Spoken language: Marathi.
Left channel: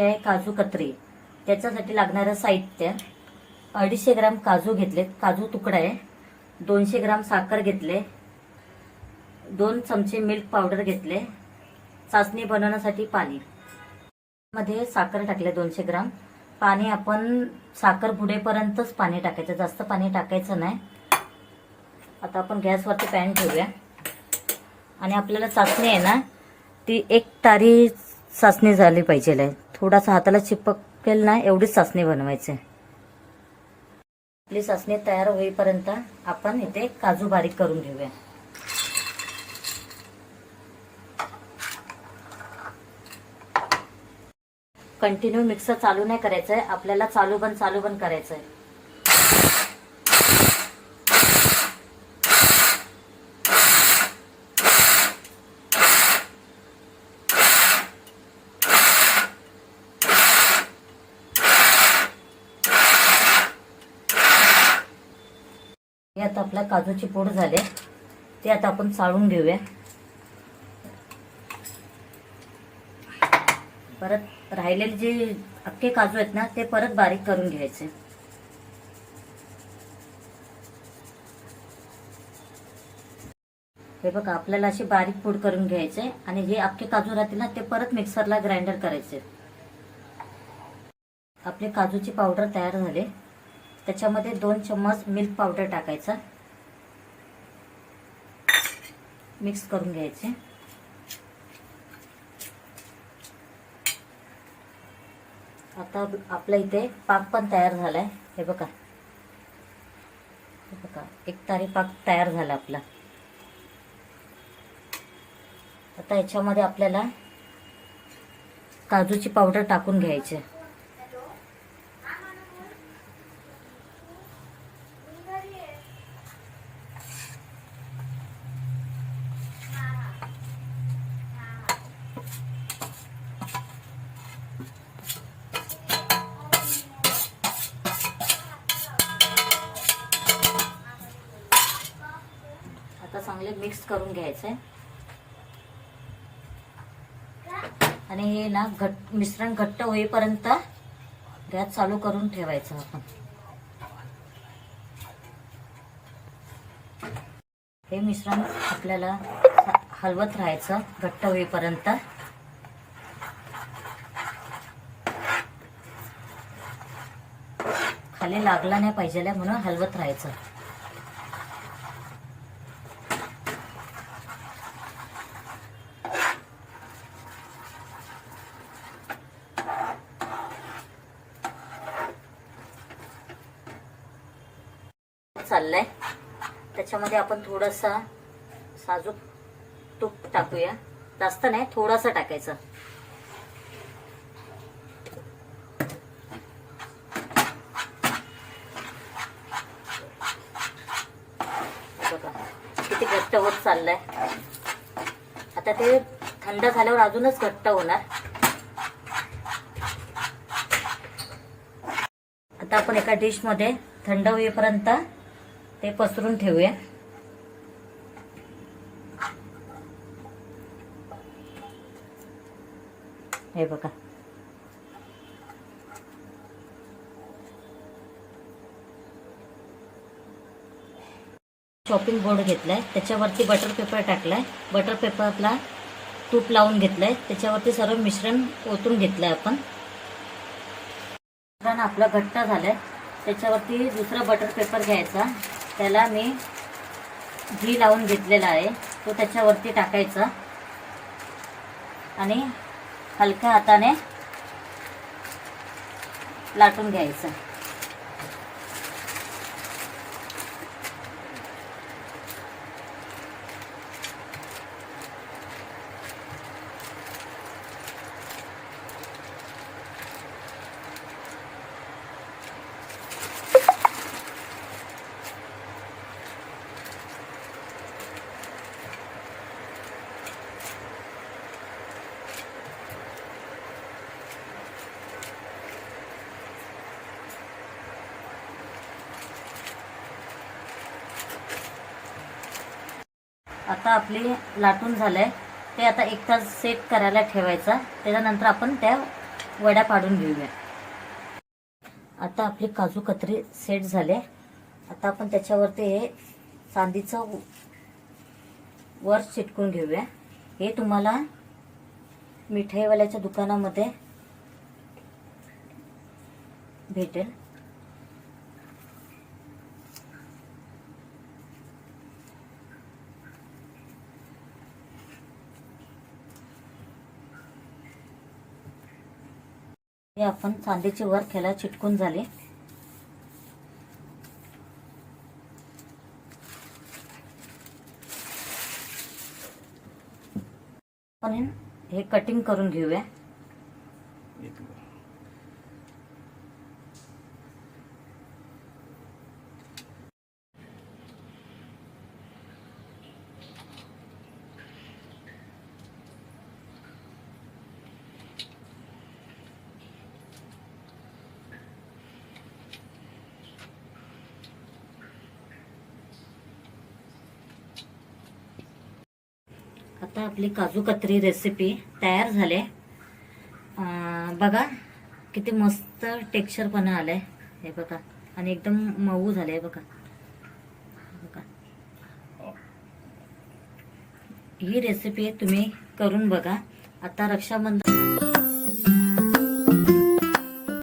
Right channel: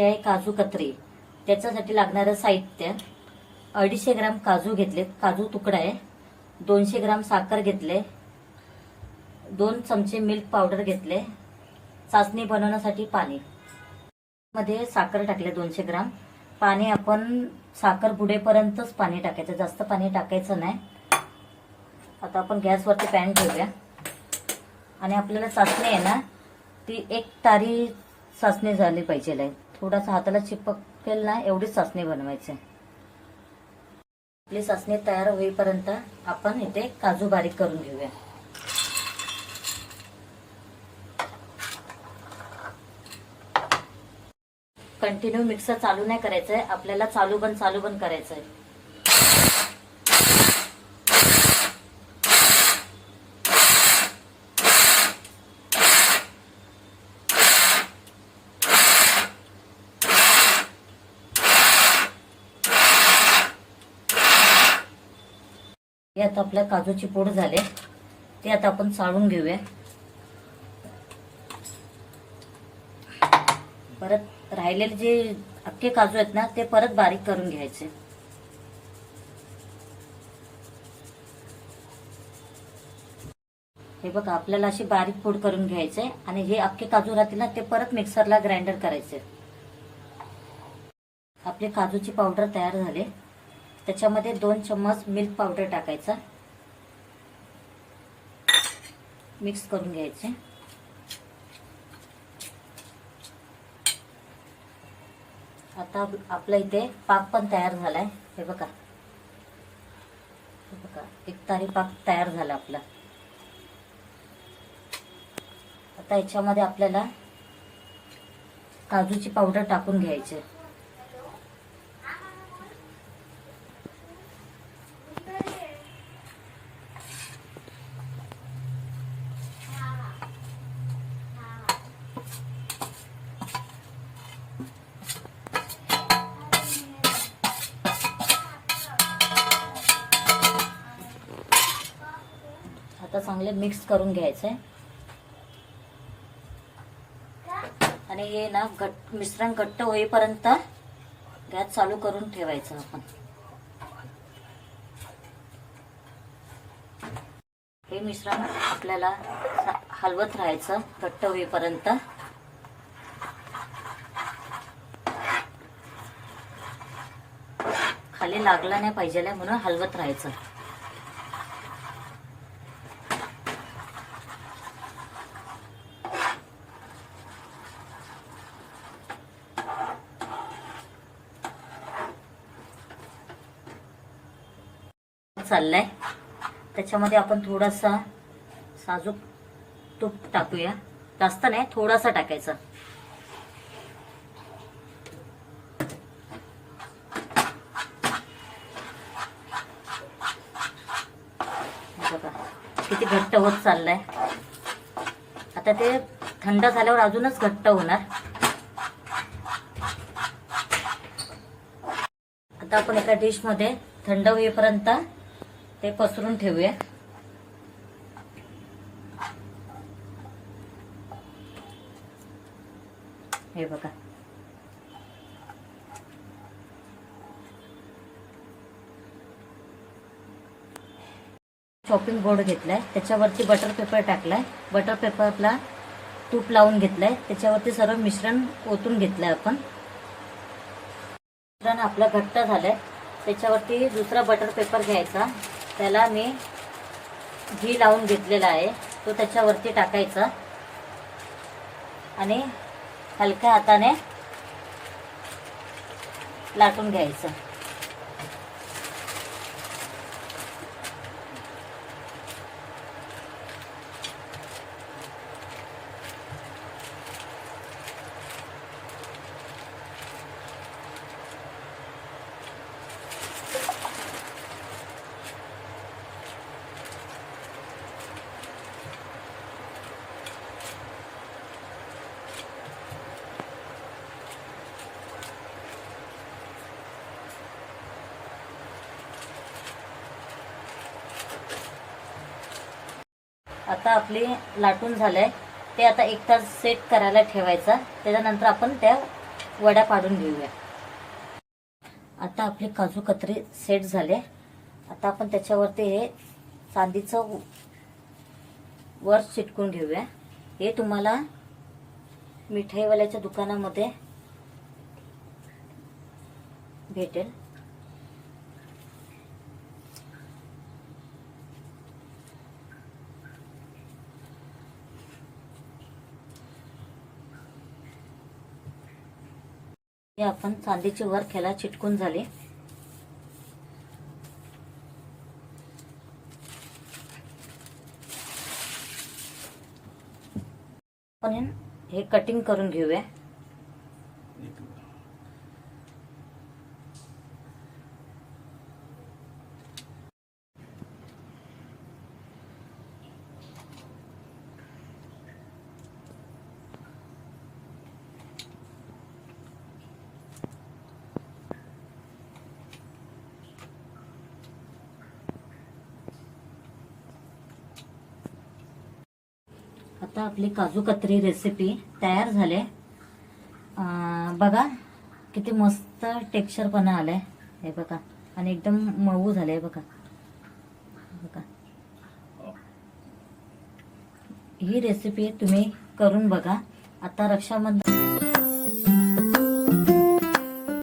आहे काजू कतरी. त्याच्यासाठी लागणारं साहित्य 250 ग्राम काजू घेतलेत, काजू तुकडा आहे, 200 ग्राम साखर घेतले, 2 चमचे मिल्क पावडर घेतले, चाचणी बनवण्यासाठी पाणी. मध्ये साखर टाकले 200 ग्राम. पाणी आपण साखर बुडेपर्यंतच पाणी टाकायचं, जास्त पाणी टाकायचं नाही. आता आपण गॅसवरती पॅन ठेवूया आणि आपल्याला चाचणी आहे ना ती 1 तारी चाचणी झाली पाहिजे. थोडासा हाताला चिपकेल ना एवढीच चाचणी बनवायची. आपली चाचणी तयार होईपर्यंत आपण इथे काजू बारीक करून घेऊया. कंटिन्यू मिक्सर चालू नाही करायचंय, आपल्याला चालू बंद करायचंय. हे आता आपल्या काजूची पूड झाले, ते आता आपण चाळून घेऊया. परत राहिलेले जे अख्खे काजू आहेत ना ते परत बारीक करून घ्यायचे. हे बघा आपल्याला अशी बारीक पूड करून घ्यायचे आणि जे अख्खे काजू राहतील ना ते परत मिक्सरला ग्राइंडर करायचे. आपले काजूची पावडर तयार झाले. त्याच्यामध्ये 2 चम्मच मिल्क पावडर टाकायचा, मिक्स करून घ्यायचे. आता आपल्या इथे पाक पण तयार झालाय. हे बघा 1 तारी पाक तयार झाला आपला. आता याच्यामध्ये आपल्याला काजूची पावडर टाकून घ्यायची. आता चांगले मिक्स करून घ्यायचंय आणि हे ना मिश्रण घट्ट होईपर्यंत गॅस चालू करून ठेवायचं आपण. हे मिश्रण आपल्याला हलवत राहायचं घट्ट होईपर्यंत. खाली लागला नाही पाहिजे म्हणून हलवत राहायचं. चाललाय त्याच्यामध्ये आपण थोडासा साजूक तूप टाकूया. जास्त नाही, थोडासा टाकायचं. बघा किती घट्ट होत चाललाय. आता ते थंड झाल्यावर अजूनच घट्ट होणार. आता आपण एका डिश मध्ये थंड होईपर्यंत ते पसरून ठेवूया. हे बघा चॉपिंग बोर्ड घेतलाय, त्याच्यावरती बटर पेपर टाकलाय. बटर पेपरला तूप लावून घेतलंय, त्याच्यावरती सर्व मिश्रण ओतून घेतलंय आपण. मिश्रण आपलं घट्ट झालंय. त्याच्यावरती दुसरा बटर पेपर घ्यायचा, त्याला मी घी लावून घेतलेला आहे, तो त्याच्यावरती टाकायचा आणि हलक्या हाताने लाटून घ्यायचं. आता आपली लाटून झालंय, ते आता 1 तास सेट करायला ठेवायचा. त्याच्यानंतर आपण त्या वड्या पाडून घेऊया. आता आपली काजू कतरी सेट झाले. आता आपण त्याच्यावरती हे चांदीचं वर चिटकून घेऊया. हे तुम्हाला मिठाईवाल्याच्या दुकानामध्ये भेटेल. हे आपण चांदीचे वर ह्याला चिटकून झाले. आपण हे कटिंग करून घेऊया. आता आपली काजू कतरी रेसिपी तयार झाले. बघा किती मस्त टेक्स्चरपणा आलाय हे बघा, आणि एकदम मऊ झाले बघा. बघा ही रेसिपी तुम्ही करून बघा. आता रक्षाबंधन